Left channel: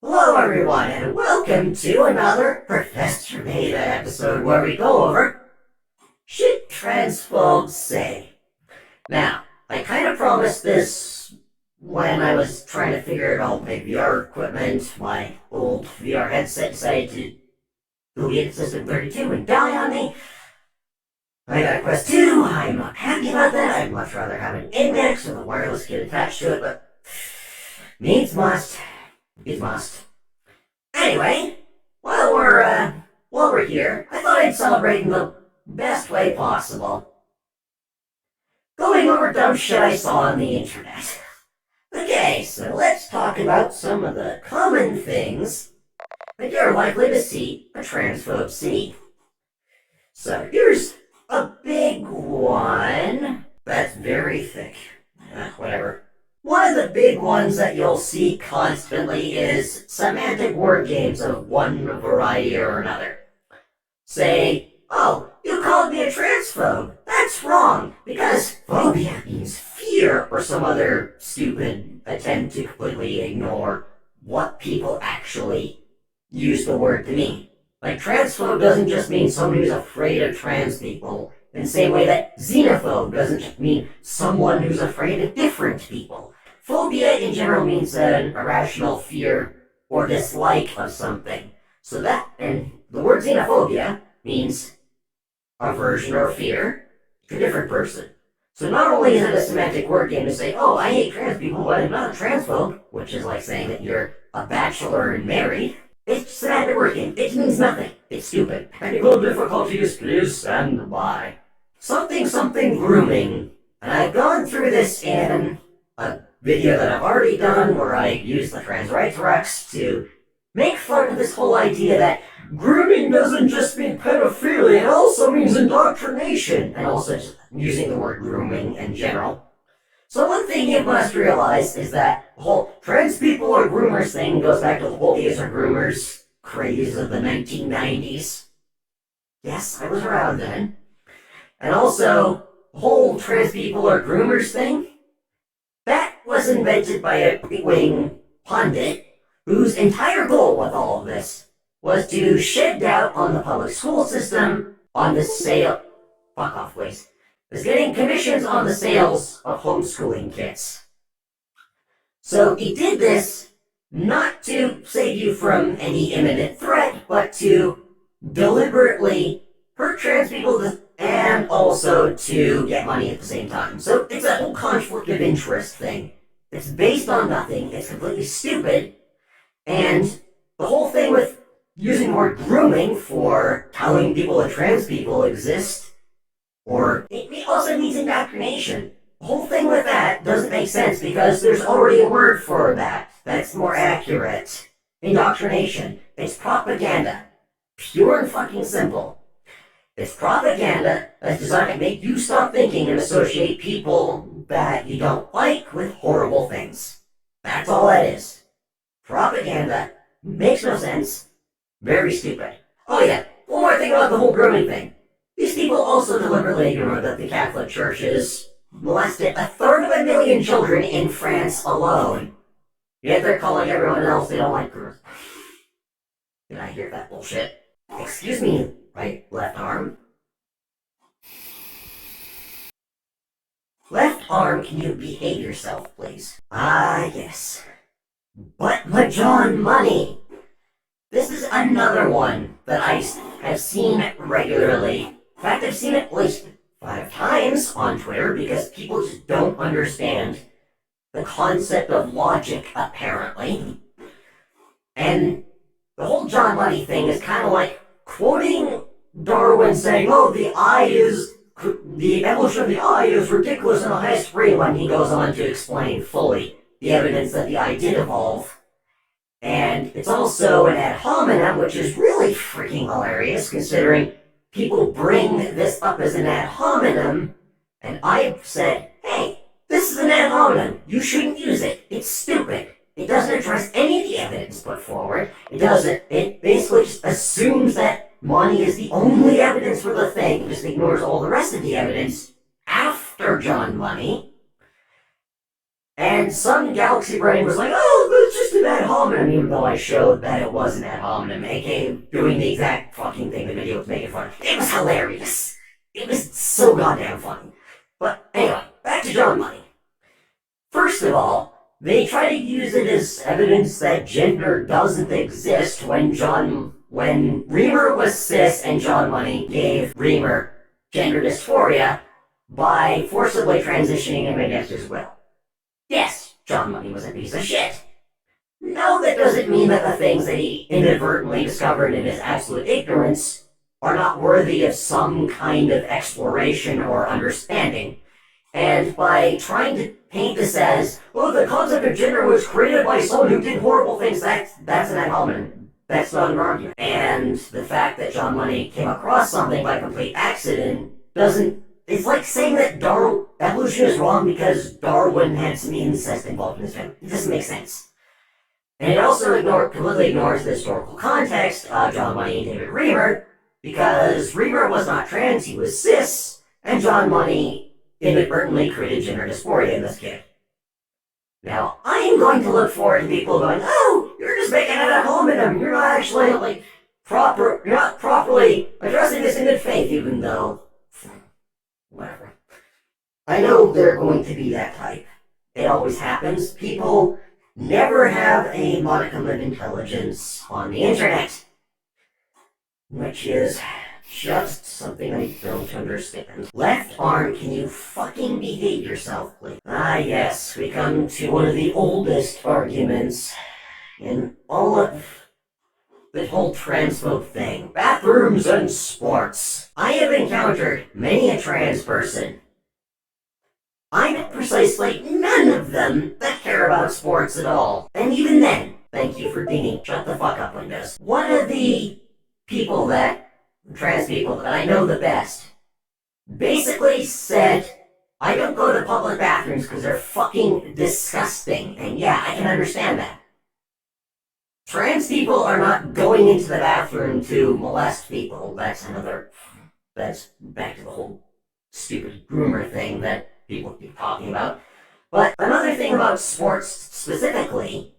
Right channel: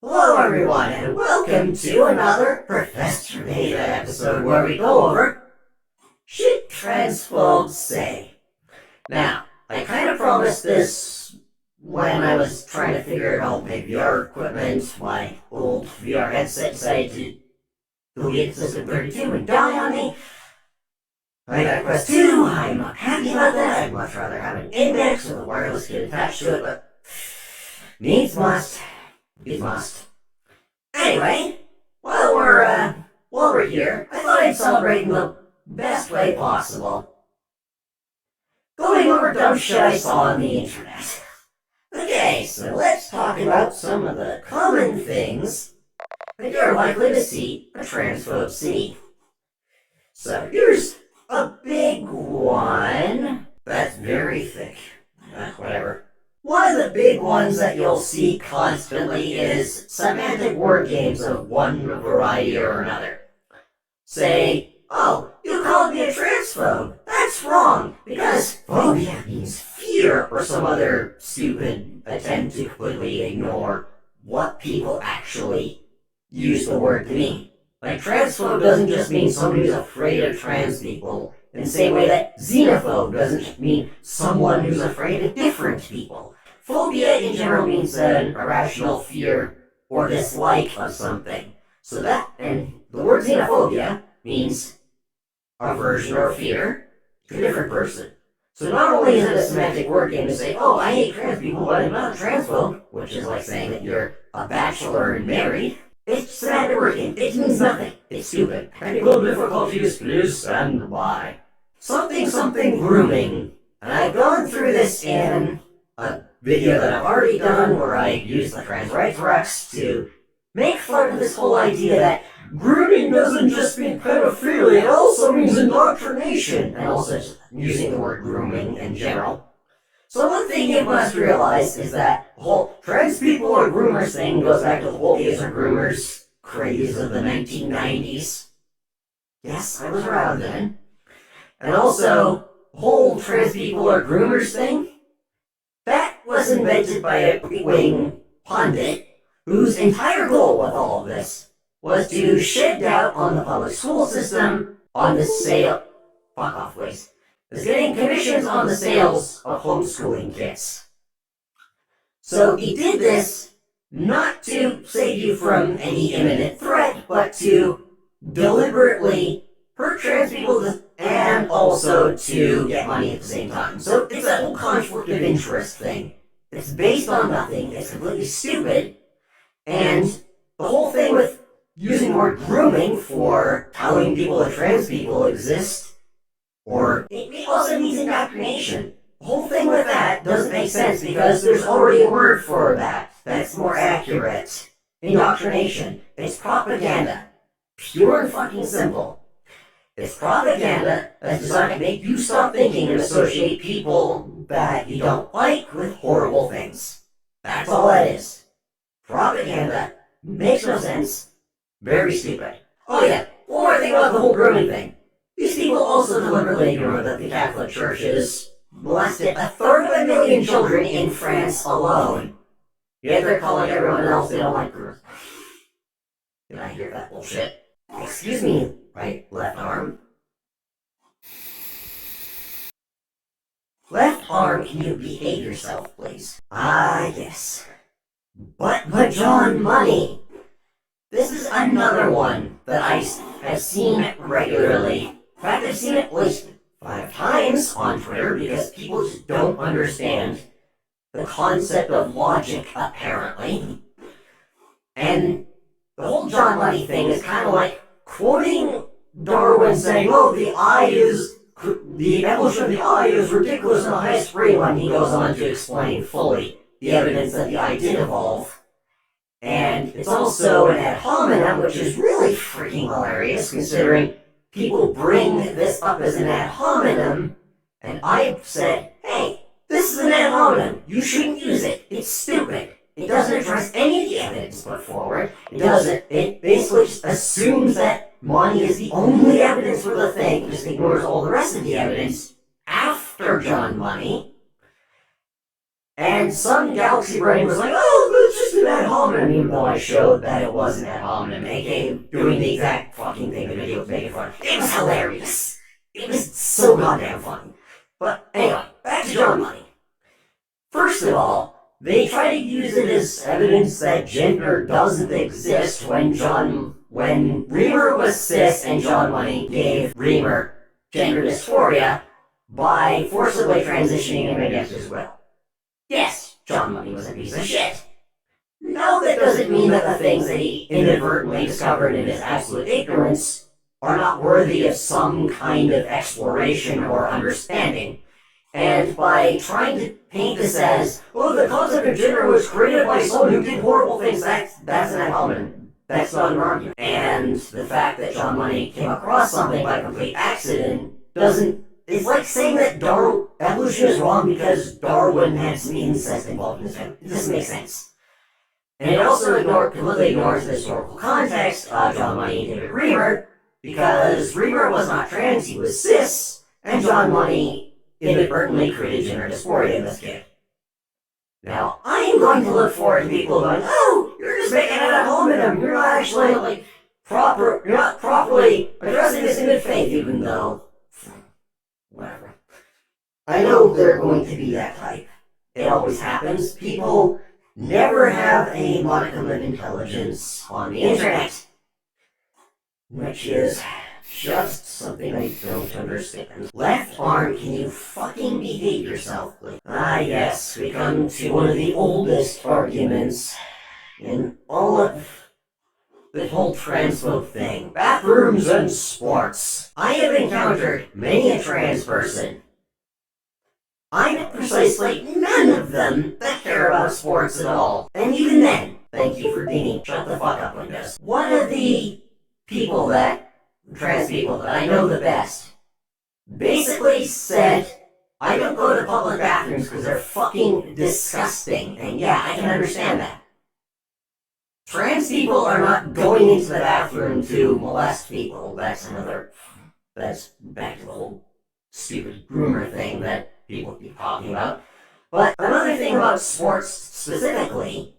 Hello everyone, and welcome to another Professor Beta episode where we go over shit transphobes say. Now, I kind of promised this when I was trying to figure out my VR equipment. My old VR headset decided to delete System 32 and die on me. I got a Quest 2, I'm not happy about that. I'd much rather have an index with a wireless kit attached to it, but needs must. It must. Anyway, while we're here, I thought I'd celebrate in the best way possible. Going over dumb shit I saw on the internet. Okay, so let's talk about some of the common things that you're likely to see a transphobe see. So here's a big one that's very thick. Whatever. One of the big ones that you'll see constantly is semantic word games of one variety or another. Say, oh, you called me a transphobe. That's wrong, because phobia means fear, or some other stupid attempt to completely ignore what people actually use the word to mean. Like, transphobe doesn't just mean somebody who's afraid of trans people, in the same way that xenophobe doesn't just mean someone who's afraid of different people. Phobia in general means an irrational fear or dislike of something. So that, and the word xenophobia means aversion or fear to a different person. So not only is it a semantic word game to say, oh, I hate trans people, but I'm not a transphobe, which is like saying that you're a bachelor and married. It's semantic word game. It means nothing. It's stupid. Technical difficulties, please stand by. Something grooming. And I've gone through this in a video that I've already done where I use the trans rights Rex to make fun of this whole idea that grooming doesn't just mean pedophilia, it also means indoctrination, and also just using the word grooming in general. So one thing you must realize is that the whole trans people are groomers thing goes back to the whole gays are groomers craze of the 1990s. Yes, I was around then. And also, the whole trans people are groomers thing, that was invented by a big-wing pundit whose entire goal with all of this was to shed doubt on the public school system, on the sale, fuck off waste, is getting commissions on the sales of homeschooling kits. So he did this not to save you from any imminent threat, but to deliberately hurt trans people and also to get money at the same time. So it's a whole conflict of interest thing. It's based on nothing, it's completely stupid, and the whole thing with using the word grooming for telling people that trans people exist, or it also means indoctrination. The whole thing with that doesn't make sense because there's already a word for that that's more accurate. Indoctrination. It's propaganda. Pure and fucking simple. It's propaganda that's designed to make you stop thinking and associate people that you don't like with horrible things. That's all that is. Propaganda makes no sense. Very stupid. Oh yeah, one more thing about the whole grooming thing. These people also deliberately ignore that the Catholic Church has molested 1/3 children in France alone. Yet they're calling everyone else they don't like groomers. Can I hear that bullshit? Excuse me, right, left arm. Left arm, can you behave yourself, please? Ah, yes. But John Money. This is another one that I have seen regularly. In fact, I've seen it at least 5 times on Twitter because people just don't understand the concept of logic, apparently. And the whole John Money thing is kind of like quoting Darwin saying, oh, the evolution of the eye is ridiculous in the high spring, when he goes on to explain fully the evidence that the eye did evolve. And it's also an ad hominem, which is really freaking hilarious, considering people bring this up as an ad hominem, and I said, hey, this is an ad hominem, you shouldn't use it, it's stupid. It doesn't address any of the evidence put forward. It basically just assumes that money is the only evidence for the thing, just ignores all the rest of the evidence after John Money. And some galaxy brain was like, oh, but it just an ad hominem, even though I showed that it was an ad hominem, aka doing the exact fucking thing the video was making fun of. It was hilarious. It was so goddamn funny. But anyway, back to John Money. First of all, they try to use it as evidence that gender doesn't exist when Reamer was cis and John Money gave Reamer gender dysphoria by forcibly transitioning him against his will. Yes, John Money was a piece of shit. No, that doesn't mean that the things that he inadvertently discovered in his absolute ignorance are not worthy of some kind of exploration or understanding. And by trying to paint this as, oh, the concept of gender was created by someone who did horrible things, that's an ad hominem. That's not an argument. And the fact that John Money came across something by complete accident doesn't... It's like saying that evolution is wrong because Darwin had some incest involved in his family. It doesn't make sense. And it also completely ignores the historical context of John Money and David Reamer, because Reamer was not trans, he was cis, and John Money inadvertently created gender dysphoria in this kid. Now, I am going to look forward to people going, oh, you're just making it at home in him, you're not actually, you're not properly addressing this in good faith, even though, whatever. I know they're going to be that type. It always happens. People never have a modicum of intelligence on the internet, which is just something I don't understand. Left arm, can you fucking behave yourself, please? Ah, yes, we come to one of the oldest arguments in all of the whole transphobe thing. Bathrooms and sports. I have encountered many a trans person. I know precisely none of them that care about sports at all. And even then, thank you for dinging. Shut the fuck up, Windows. One of the trans people that I know the best, basically said, I don't go to public bathrooms because they're fucking disgusting. And yeah, I can understand that. Trans people are not going into the bathroom to molest people. That's back to the whole stupid groomer thing that people keep talking about. But another thing about sports specifically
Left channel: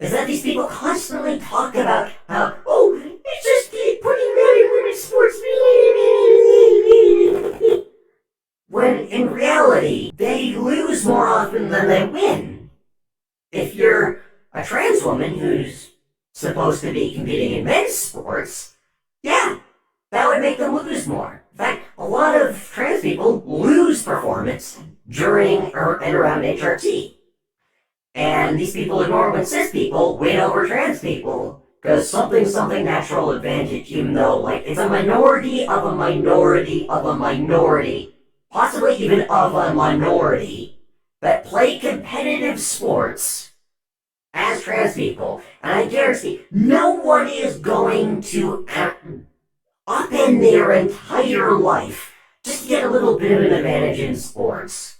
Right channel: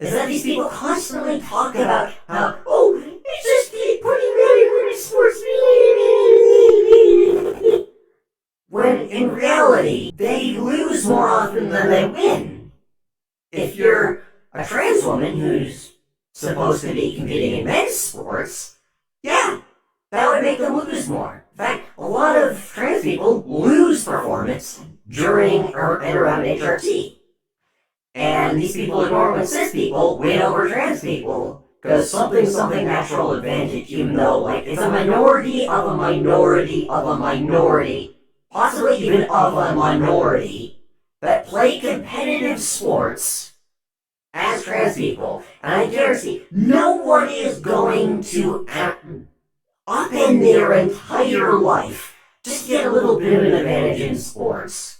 is that these people constantly talk about how, oh, it's just keep putting men in women's sports. When in reality, they lose more often than they win. If you're a trans woman who's supposed to be competing in men's sports, yeah, that would make them lose more. In fact, a lot of trans people lose performance during and around HRT. And these people ignore when cis people win over trans people because something natural advantage, even though it's a minority of a minority of a minority, possibly even of a minority, that play competitive sports as trans people. And I guarantee no one is going to upend their entire life just to get a little bit of an advantage in sports.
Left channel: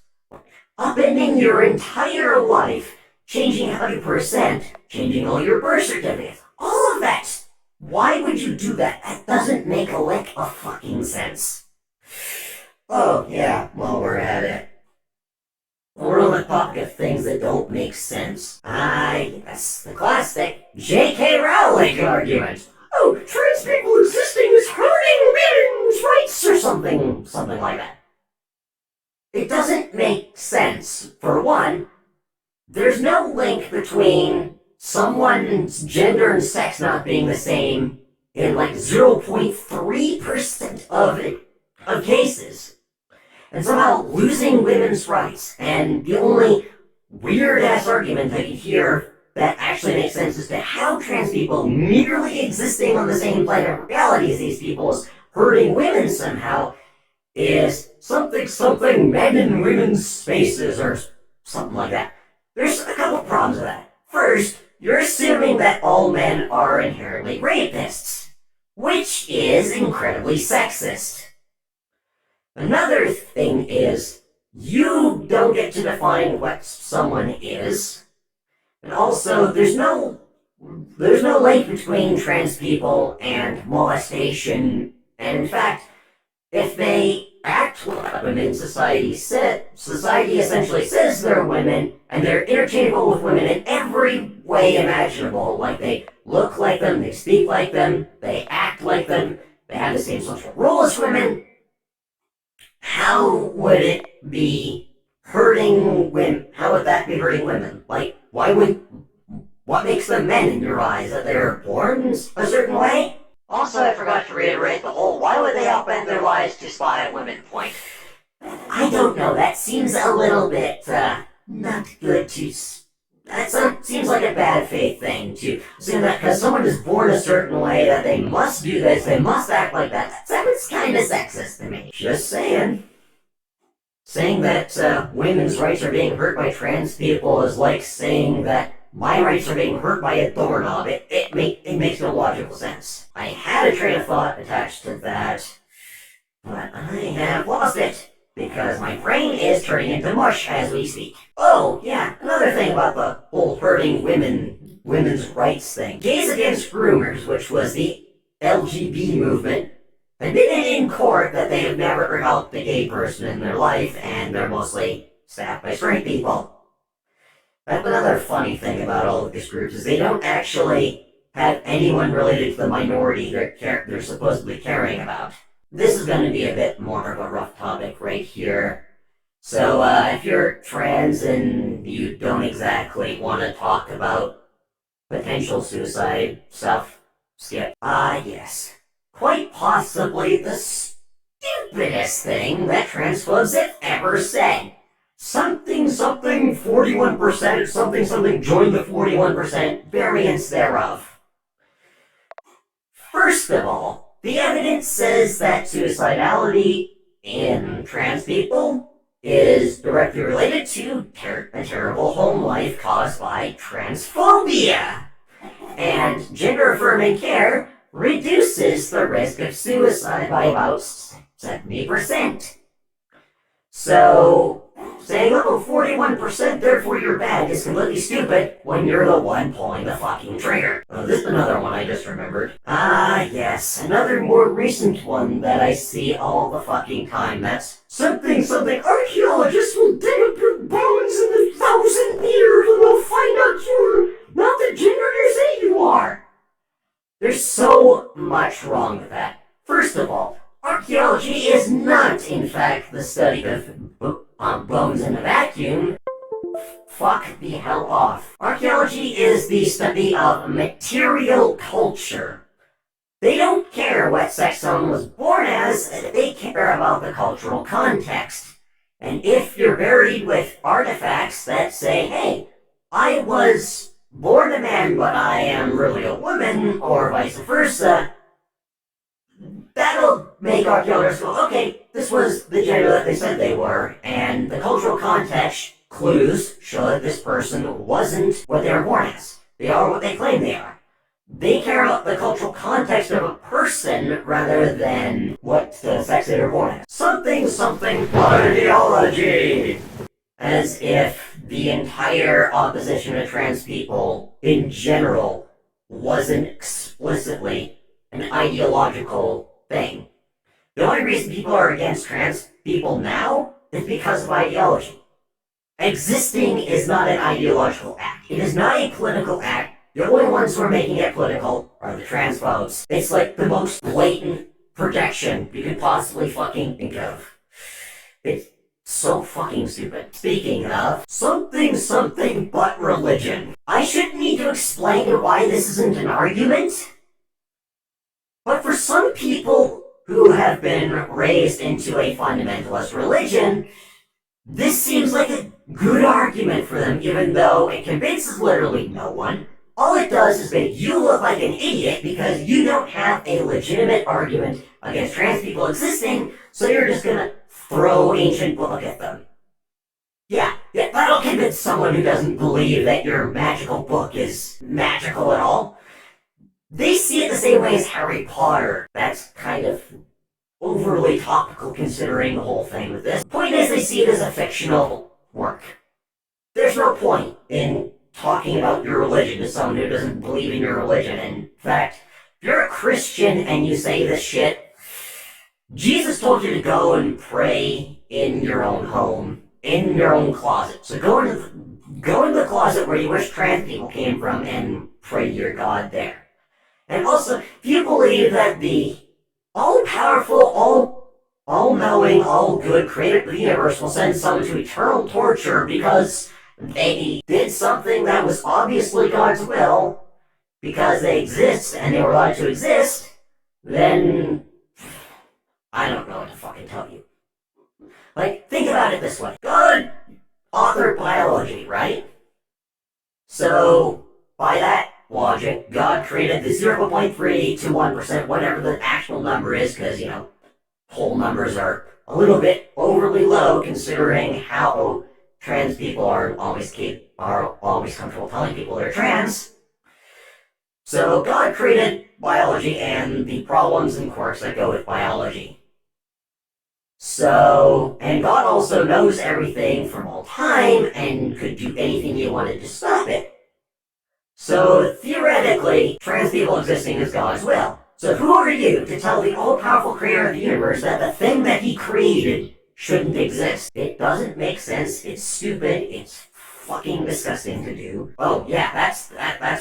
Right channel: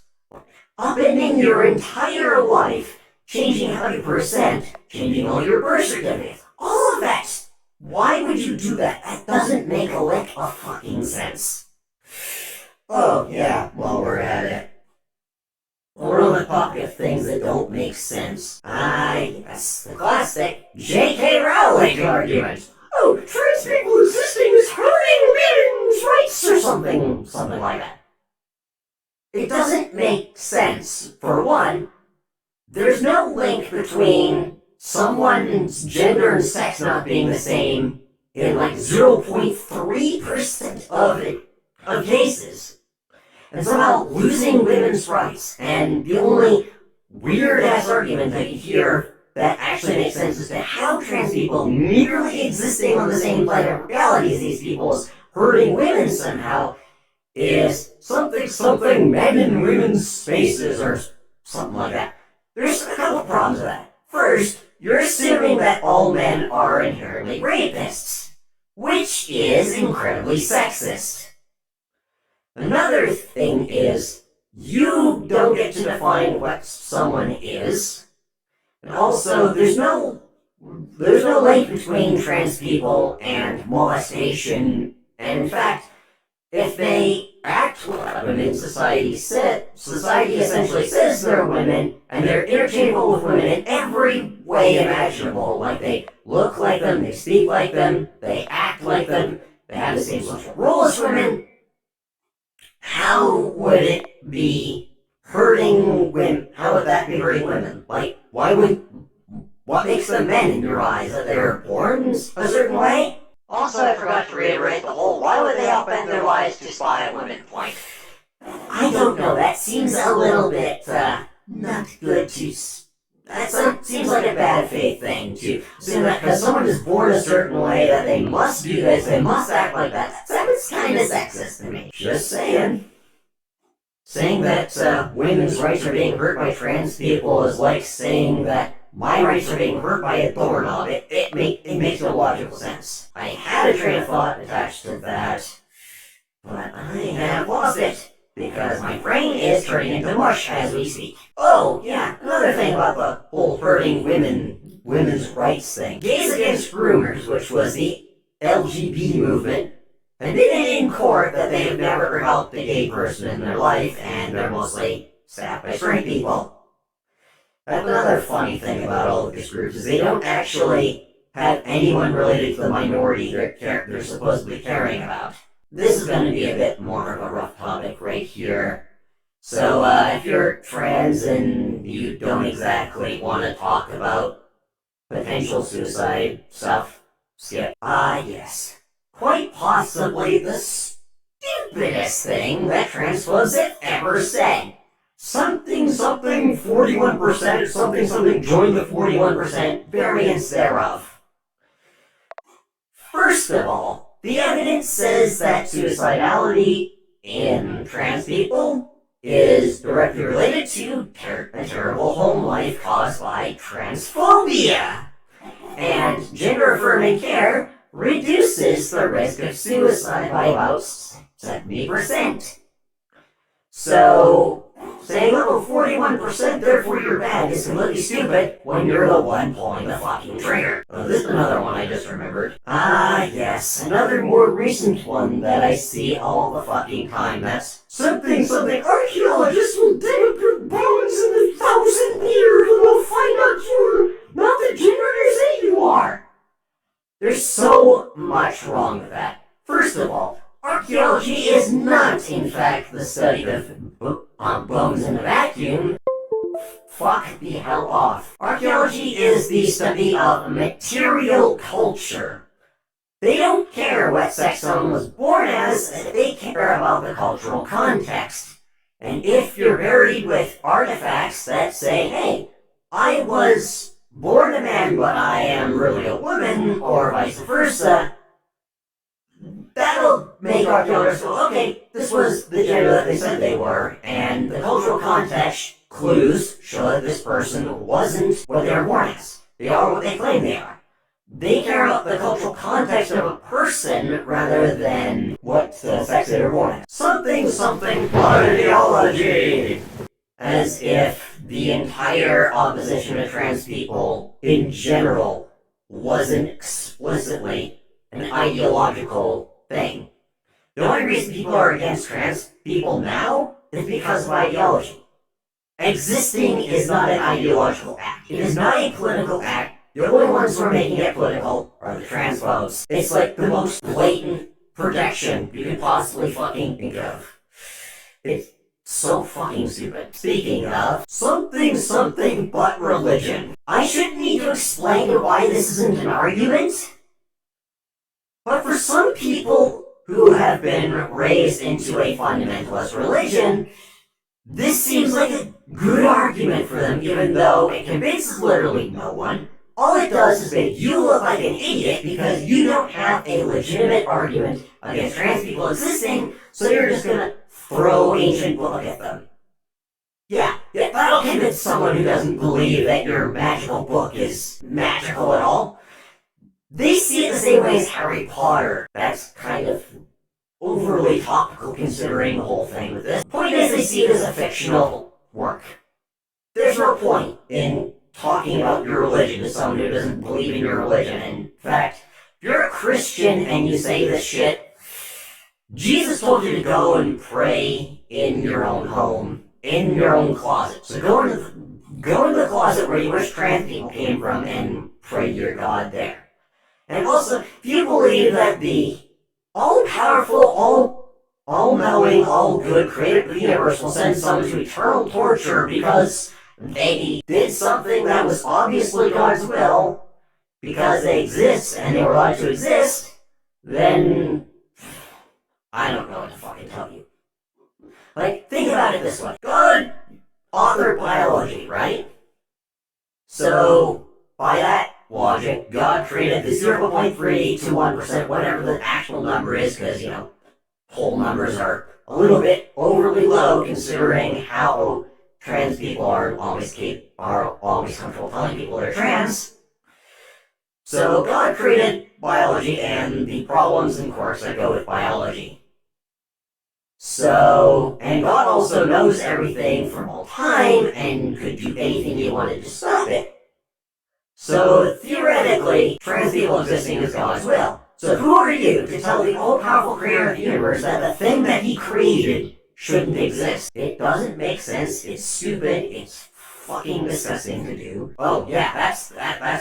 Upending your entire life, changing how you present, changing all your birth certificates, all of that. Why would you do that? That doesn't make a lick of fucking sense. Oh, yeah, while we're at it. We're on the topic of things that don't make sense. Ah, yes, the classic J.K. Rowling argument. Oh, trans people existing is hurting women's rights or something like that. It doesn't make sense. For one, there's no link between someone's gender and sex not being the same in 0.3% of cases, and somehow losing women's rights. And the only weird-ass argument that you hear that actually makes sense as to how trans people merely existing on the same plane of reality as these people is hurting women somehow is something men in women's spaces or something like that. There's a couple problems with that. First, you're assuming that all men are inherently rapists, which is incredibly sexist. Another thing is, you don't get to define what someone is, and also there's no link between trans people and molestation, and in fact, if they act like women, society essentially says they're women, and they're interchangeable with women in every way imaginable. Like, they look like them, they speak like them, they act like them, they have the same social role as women. How would it be hurting women? How would that be hurting women? Like, what makes them men in your eyes? That they're born a certain way? Also, I forgot to reiterate the whole "why would they upend their lives to spy on women" point. I don't know, that seems a little bit, not good to... That seems like a bad faith thing to assume that because someone is born a certain way that they must do this, they must act like that. That's kind of sexist to me. Just saying. Saying that women's rights are being hurt by trans people is like saying that my rights are being hurt by a doorknob. It makes no logical sense. I had a train of thought attached to that, but I have lost it, because my brain is turning into mush as we speak. Oh, yeah, another thing about the whole hurting women's rights thing. Gays Against Groomers, which was the LGBT movement, admitted in court that they have never helped a gay person in their life, and they're mostly staffed by straight people. That's another funny thing about all of these groups, is they don't actually have anyone related to the minority they're supposedly caring about. This is going to be a bit more of a rough topic right here. So, if you're trans and you don't exactly want to talk about potential suicide stuff, skip. Yes. Quite possibly the stupidest thing that transphobes have ever said. Something 41%, something join the 41% variants thereof. First of all, the evidence says that suicidality in trans people is directly related to a terrible home life caused by transphobia. And gender-affirming care reduces the risk of suicide by about 70%. So, saying, oh, 41%, therefore you're bad, is completely stupid when you're the one pulling the fucking trigger. Oh, this is another one I just remembered. Yes, another more recent one that I see all the fucking time. That's something archaeologists will dig up your bones in 1,000 years and will find out you're not the gender you say you are. There's so much wrong with that. First of all, archaeology is not, in fact, the study of bones in a vacuum. Fuck the hell off. Archaeology is the study of material culture. They don't care what sex someone was born as, they care about the cultural context. And if you're buried with artifacts that say, hey, I was born a man but I am really a woman, or vice versa, that'll make archaeologists go, okay, this was the gender that they said they were, and the cultural context clues show that this person wasn't what they were born as. They are what they claim they are. They care about the cultural context of a person rather than what the sex they were born as. Something ideology! As if the entire opposition to trans people in general wasn't explicitly an ideological thing. The only reason people are against trans people now is because of ideology. Existing is not an ideological act. It is not a political act. The only ones who are making it political are the transphobes. It's like the most blatant projection you could possibly fucking think of. It's so fucking stupid. Speaking of, something but religion. I shouldn't need to explain why this isn't an argument, but for some people who have been raised into a fundamentalist religion, this seems like a good argument for them, even though it convinces literally no one. All it does is make you look like an idiot because you don't have a legitimate argument against trans people existing, so you're just gonna throw ancient book at them. Yeah, that'll convince someone who doesn't believe that your magical book is magical at all. They see it the same way as Harry Potter. That's kind of overly topical considering the whole thing with this. The point is, they see it as a fictional work. There's no point in talking about your religion to someone who doesn't believe in your religion. In fact, if you're a Christian and you say this shit, Jesus told you to go and pray in your own home, in your own closet. So go into the closet where you wish trans people came from and pray to your God there. And also, if you believe that the all-powerful, all-knowing, all-good creator of the universe will send some to eternal torture because they did something that was obviously God's will, because they exist and they were allowed to exist, then I don't know what to fucking tell you. Like, think about it this way. God authored biology, right? So, by that logic, God created the 0.3 to 1%, whatever the actual number is, because, whole numbers are a little bit overly low considering how trans people are always comfortable telling people they're trans. So God created biology and the problems and quirks that go with biology. And God also knows everything from all time and could do anything he wanted to stop it. So theoretically, trans people existing is God's will. So who are you to tell the all-powerful creator of the universe that the thing that he created shouldn't exist? It doesn't make sense, it's stupid, it's fucking disgusting to do. Oh yeah, that's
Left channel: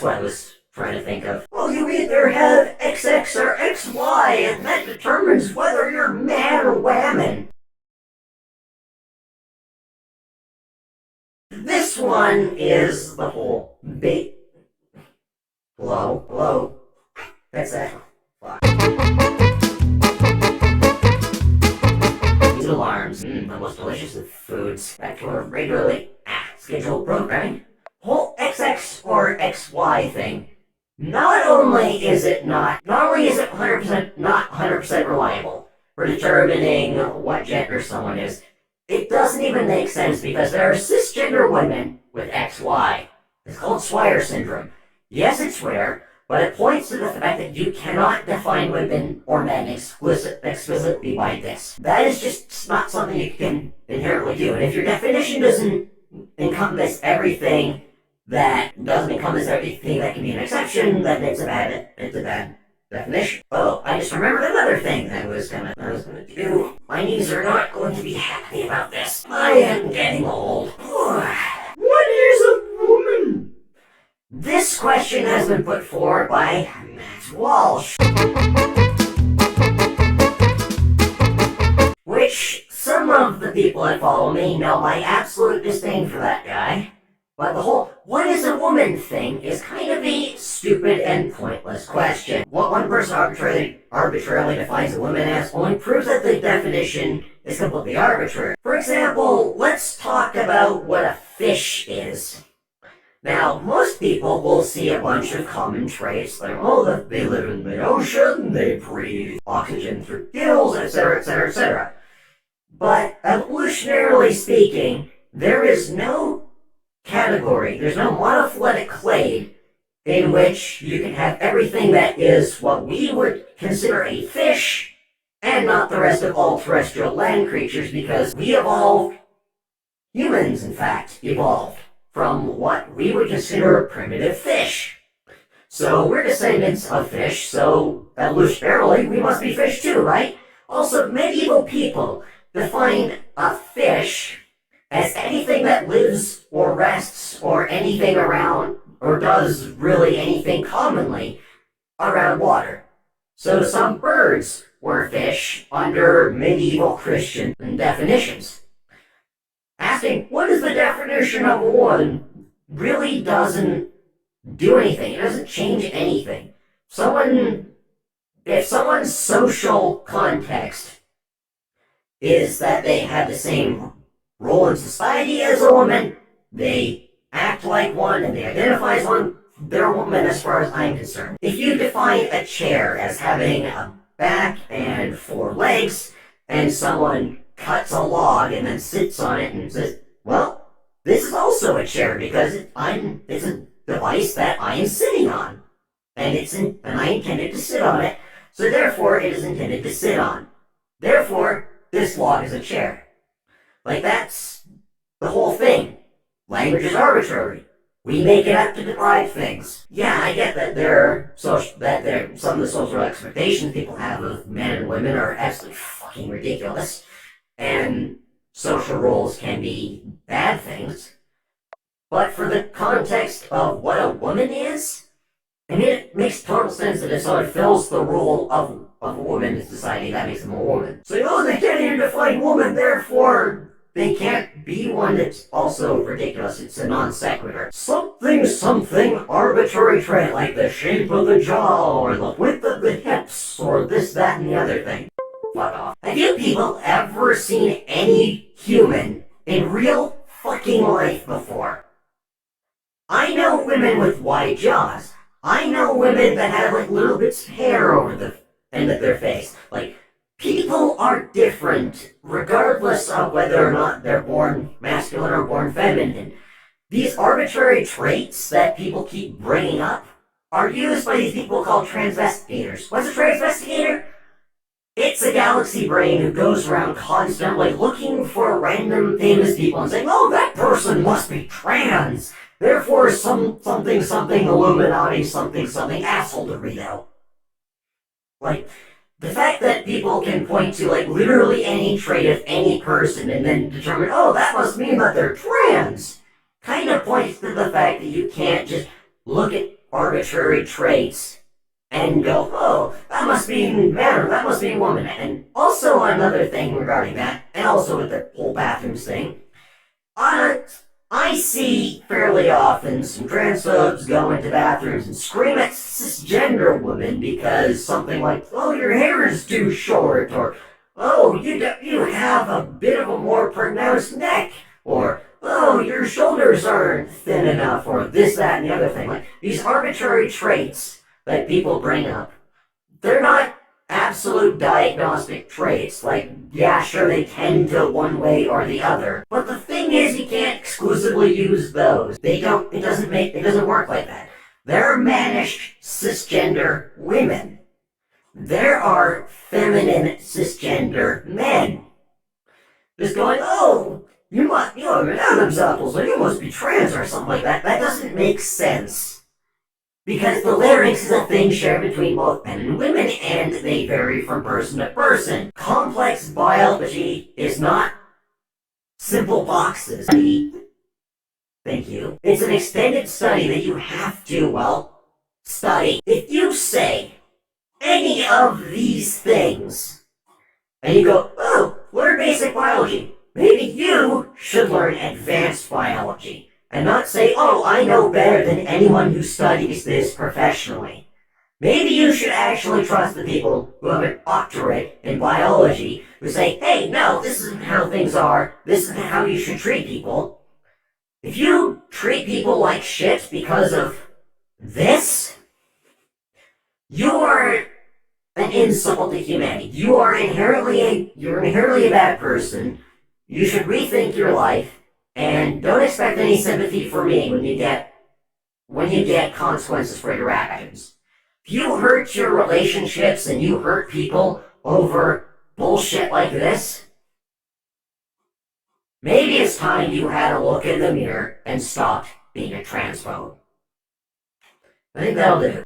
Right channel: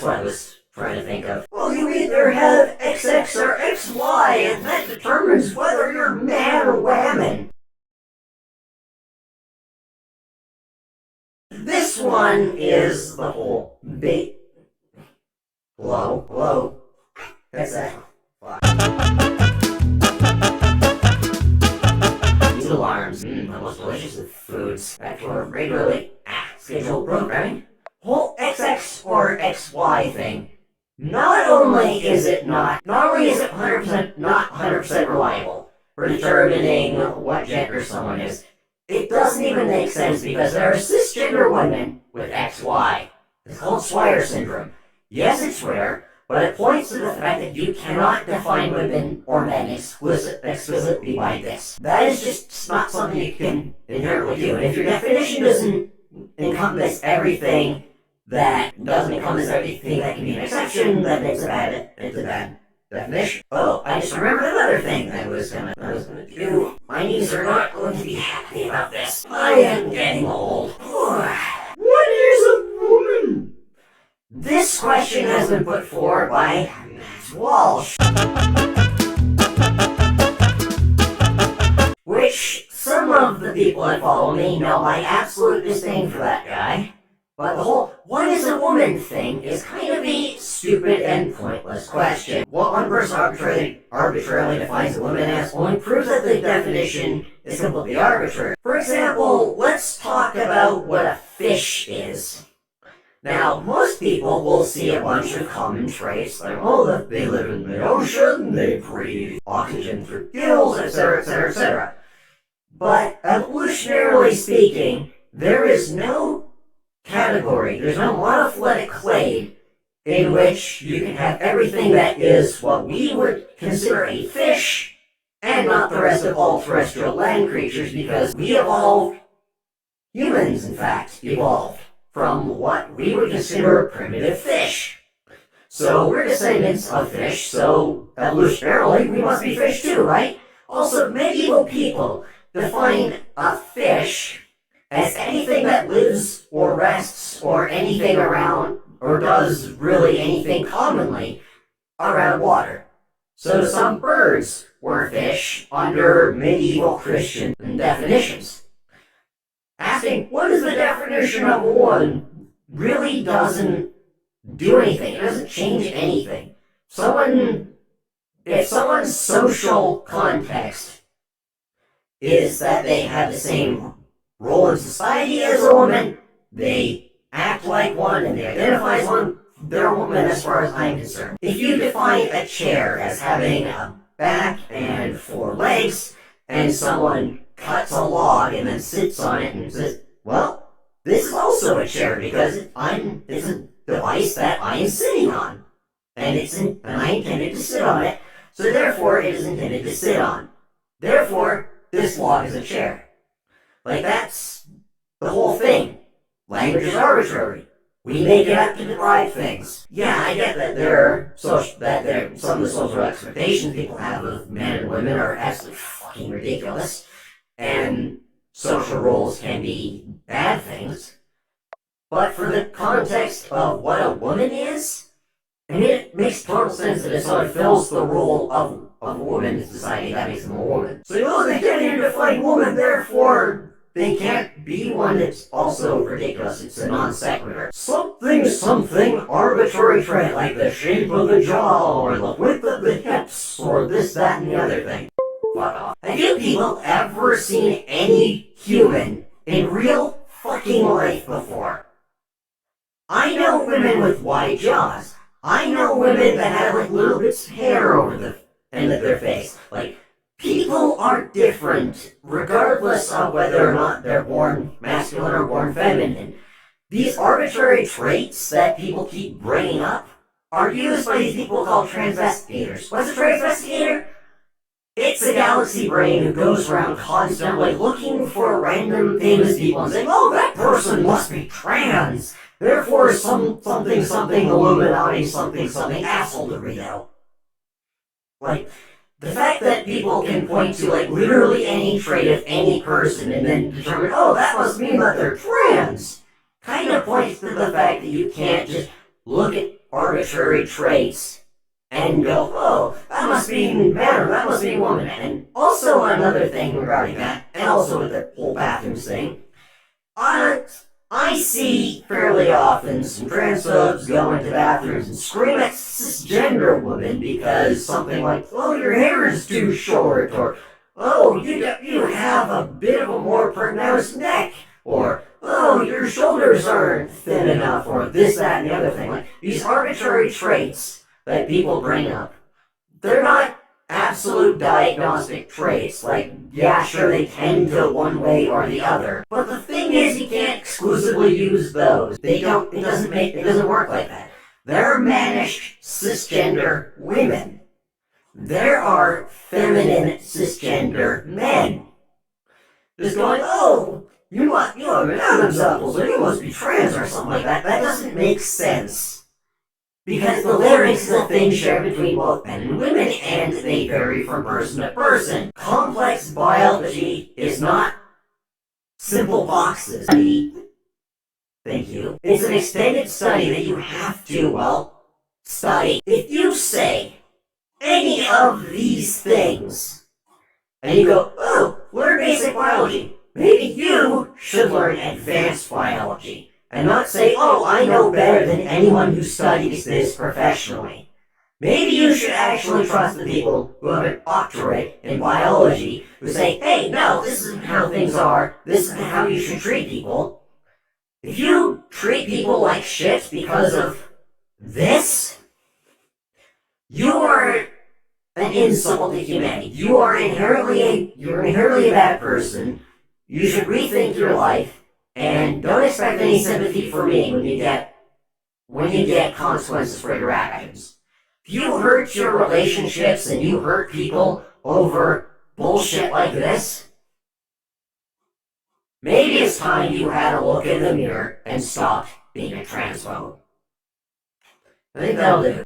what I was trying to think of. Well, you either have XX or XY, and that determines whether you're man or woman. This one is the whole bait. Hello. That's it. These alarms, the most delicious of foods. Back to our regularly scheduled programming. Whole XX or XY thing. Not only is it 100% not 100% reliable for determining what gender someone is, it doesn't even make sense because there are cisgender women with XY. It's called Swire syndrome. Yes, it's rare, but it points to the fact that you cannot define women or men explicitly by this. That is just not something you can inherently do. And if your definition doesn't encompass everything that can be an exception, then it's a bad definition. Oh, I just remembered another thing I was gonna do. My knees are not going to be happy about this. I am getting old. What is a woman? This question has been put forward by Matt Walsh, which some of the people that follow me know my absolute disdain for that guy. But the whole what is a woman thing is kind of a stupid and pointless question. What one person arbitrarily defines a woman as only proves that the definition is completely arbitrary. For example, let's talk about what a fish is. Now, most people will see a bunch of common traits like, they live in the ocean, they breathe oxygen through gills, etc., etc., etc. But evolutionarily speaking, there is no category, there's no monophyletic clade in which you can have everything that is what we would consider a fish and not the rest of all terrestrial land creatures, because humans in fact evolved from what we would consider primitive fish. So we're descendants of fish, so evolutionarily we must be fish too, right? Also, medieval people define a fish as anything that lives or rests or anything around or does really anything commonly around water. So some birds were fish under medieval Christian definitions. Asking what is the definition of a woman really doesn't do anything. It doesn't change anything. If someone's social context is that they have the same role in society as a woman, they act like one, and they identify as one, they're a woman as far as I'm concerned. If you define a chair as having a back and 4 legs, and someone cuts a log and then sits on it and says, well, this is also a chair because it's a device that I'm sitting on, and I intended to sit on it, so therefore it is intended to sit on. Therefore, this log is a chair. Like, that's the whole thing. Language is arbitrary. We make it have to deprive things. Yeah, I get that some of the social expectations people have of men and women are absolutely fucking ridiculous, and social roles can be bad things. But for the context of what a woman is, I mean, it makes total sense that it sort of fills the role of a woman in society that makes them a woman. So, they can't even define woman, therefore they can't be one. It's also ridiculous. It's a non sequitur. Something arbitrary trait, like the shape of the jaw, or the width of the hips, or this, that, and the other thing. Fuck off. Have you people ever seen any human in real fucking life before? I know women with wide jaws. I know women that have like little bits of hair over the end of their face. Like, people are different, regardless of whether or not they're born masculine or born feminine. These arbitrary traits that people keep bringing up are used by these people called transvestigators. What's a transvestigator? It's a galaxy brain who goes around constantly looking for random famous people and saying, oh, that person must be trans. Therefore, something Illuminati, something asshole to read out. Like, the fact that people can point to, like, literally any trait of any person and then determine, oh, that must mean that they're trans, kind of points to the fact that you can't just look at arbitrary traits and go, oh, that must be man, or that must be woman. And also another thing regarding that, and also with the whole bathrooms thing, I see fairly often some transphobes go into bathrooms and scream at cisgender women because something like, oh, your hair is too short, or, oh, you have a bit of a more pronounced neck, or, oh, your shoulders aren't thin enough, or this, that, and the other thing. Like, these arbitrary traits that people bring up, they're not absolute diagnostic traits. Like, yeah, sure, they tend to one way or the other. But the thing is, you can't exclusively use those. It doesn't work like that. There are mannish cisgender women. There are feminine cisgender men. Just going, oh, you have an Adam's apple, so you must be trans or something like that. That doesn't make sense. Because the larynx is a thing shared between both men and women, and they vary from person to person. Complex biology is not simple boxes. Thank you. It's an extended study that you have to, study. If you say any of these things, and you go, oh, learn basic biology, maybe you should learn advanced biology. And not say, oh, I know better than anyone who studies this professionally. Maybe you should actually trust the people who have an doctorate in biology who say, hey, no, this isn't how things are, this isn't how you should treat people. If you treat people like shit because of this, you are an insult to humanity. You're inherently a bad person. You should rethink your life. And don't expect any sympathy for me when you get consequences for your actions. If you hurt your relationships and you hurt people over bullshit like this, maybe it's time you had a look in the mirror and stopped being a transphobe. I think that'll do.